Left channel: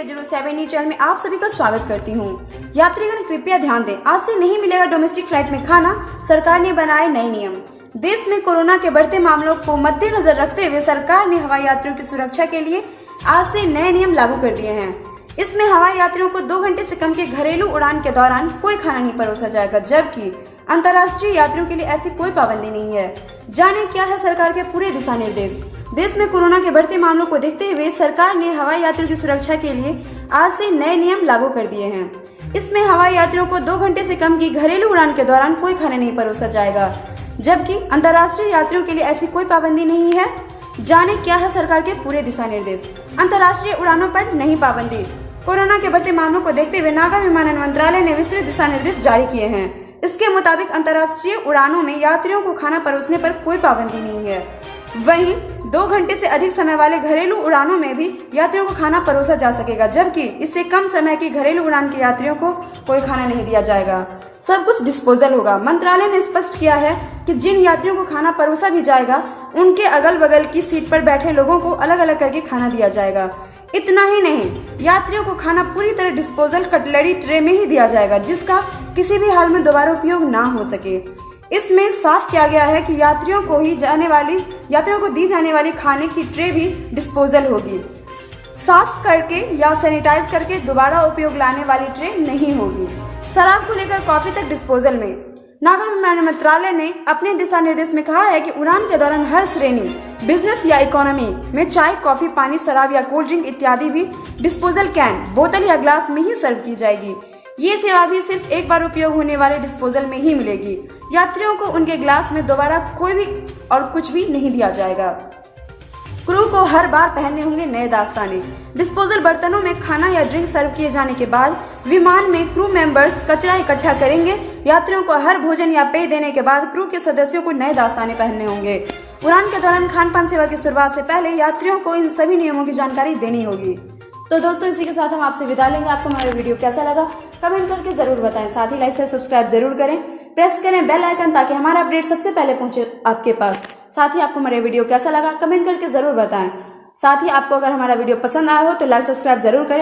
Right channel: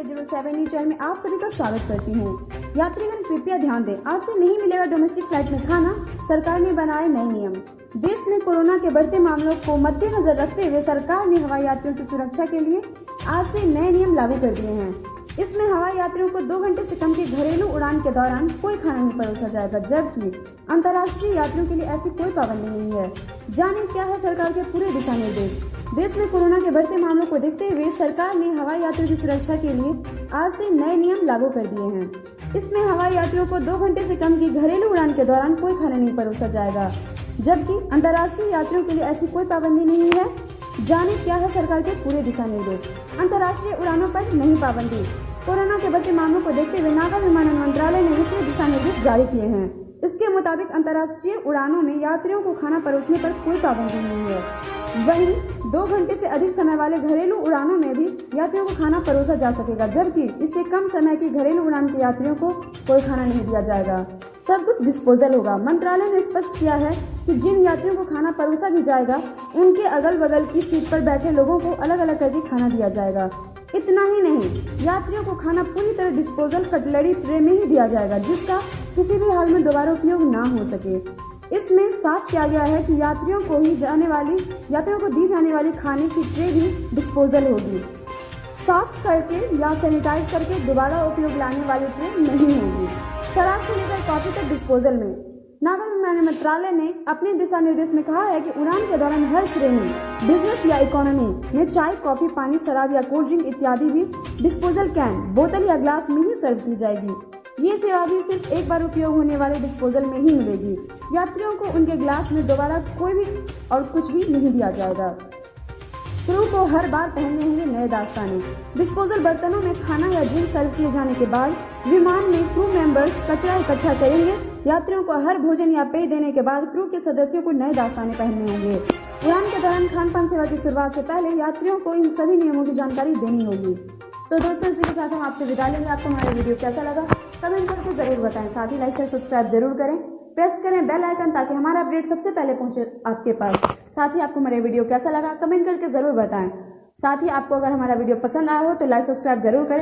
India 07 news channel में आप सभी का स्वागत करती हूँ। यात्रीगण कृपया ध्यान दें, आज से नहीं मिलेगा डोमेस्टिक फ्लाइट में खाना। सरकार ने बनाए नए नियम। देश में कोरोना के बढ़ते मामलों को मद्देनजर रखते हुए सरकार ने हवाई यात्रियों की सुरक्षा के लिए आज से नए नियम लागू कर दिए हैं। इसमें हवाई यात्रियों को 2 घंटे से कम की घरेलू उड़ान के दौरान कोई खाना नहीं परोसा जाएगा, जबकि अंतर्राष्ट्रीय यात्रियों के लिए ऐसी कोई पाबंदी नहीं है। जाने क्या है सरकार के पूरे दिशा निर्देश। देश में कोरोना के बढ़ते मामलों को देखते हुए सरकार ने हवाई यात्रियों की सुरक्षा के लिए आज से नए नियम लागू कर दिए हैं। इसमें हवाई यात्रियों को 2 घंटे से कम की घरेलू उड़ान के दौरान कोई खाना नहीं परोसा जाएगा, जबकि अंतर्राष्ट्रीय यात्रियों के लिए ऐसी कोई पाबंदी नहीं है। जाने क्या है सरकार के पूरे दिशा निर्देश। अंतर्राष्ट्रीय उड़ानों पर नहीं पाबंदी। कोरोना के बढ़ते मामलों को देखते हुए नागर विमानन मंत्रालय ने विस्तृत दिशा निर्देश जारी किए हैं। इसके मुताबिक अंतर्राष्ट्रीय उड़ानों में यात्रियों को खाना परोसने पर कोई पाबंदी नहीं है। वहीं 2 घंटे से अधिक समय वाले घरेलू उड़ानों में भी यात्रियों को खाना परोसा जा सकेगा, जबकि इससे कम समय की घरेलू उड़ान के यात्रियों को कोई खाना नहीं दिया जाएगा। सब कुछ डिस्पोजल होगा। मंत्रालय ने स्पष्ट किया है कि जिन यात्रियों को खाना परोसा भी जाएगा, उनके अगल बगल की सीट पर बैठे लोगों को अलग अलग करके खाना दिया जाएगा। इतना ही नहीं, यात्रियों को खाना पूरी तरह डिस्पोजल कटलरी ट्रे में ही दिया जाएगा, जिसका किसी भी हाल में दोबारा उपयोग ना हो सके। इसमें साफ किया गया है कि यात्रियों को दी जाने वाली खाने की ट्रे भी डिस्पोजल होगी। साफ करके या सैनिटाइज करके दोबारा उपयोग लाने वाली ट्रे नहीं होगी। शराब को लेकर कॉफी तक डिस्पोजल में। नागर विमानन मंत्रालय ने अपने दिशा निर्देश में कहा है कि उड़ान के दौरान हर श्रेणी, बिजनेस या इकोनॉमी में चाय, कॉफी, पानी, शराब या कोल्ड ड्रिंक इत्यादि भी डिस्पोजल कैन, बोतल या ग्लास में ही सर्व की जाएगी। ये सेवा भी सिर्फ एक बार उपयोग होने वाले डिस्पोजल में ही मिलेगी। यात्रियों को उनके ग्लास में दोबारा कोई भी और कुछ भी नहीं दिया जाएगा। क्रू को हर बार पहनने होंगे नए दास्ताने। डिस्पोजल बर्तनों में खाना या ड्रिंक सर्व किए जाने के बाद विमान में क्रू मेंबर्स कचरा इकट्ठा करेंगे। यात्रियों को हर भोजन या पेय देने के बाद क्रू के सदस्यों को नए दास्ताने पहनने होंगे। उड़ान के दौरान खान पान सेवा की शुरुआत से पहले यात्रियों को इन सभी नियमों की जानकारी देनी होगी। तो दोस्तों, इसी के साथ हम आपसे विदा लेंगे। आपको हमारा वीडियो कैसा लगा कमेंट करके जरूर बताएं। साथ ही लाइक शेयर सब्सक्राइब जरूर करें, प्रेस करें बेल आइकन ताकि हमारा अपडेट सबसे पहले पहुंचे आपके पास। साथ ही आपको हमारा वीडियो कैसा लगा कमेंट करके जरूर बताएं। साथ ही आपको अगर हमारा वीडियो पसंद आया हो तो लाइक सब्सक्राइब जरूर करें।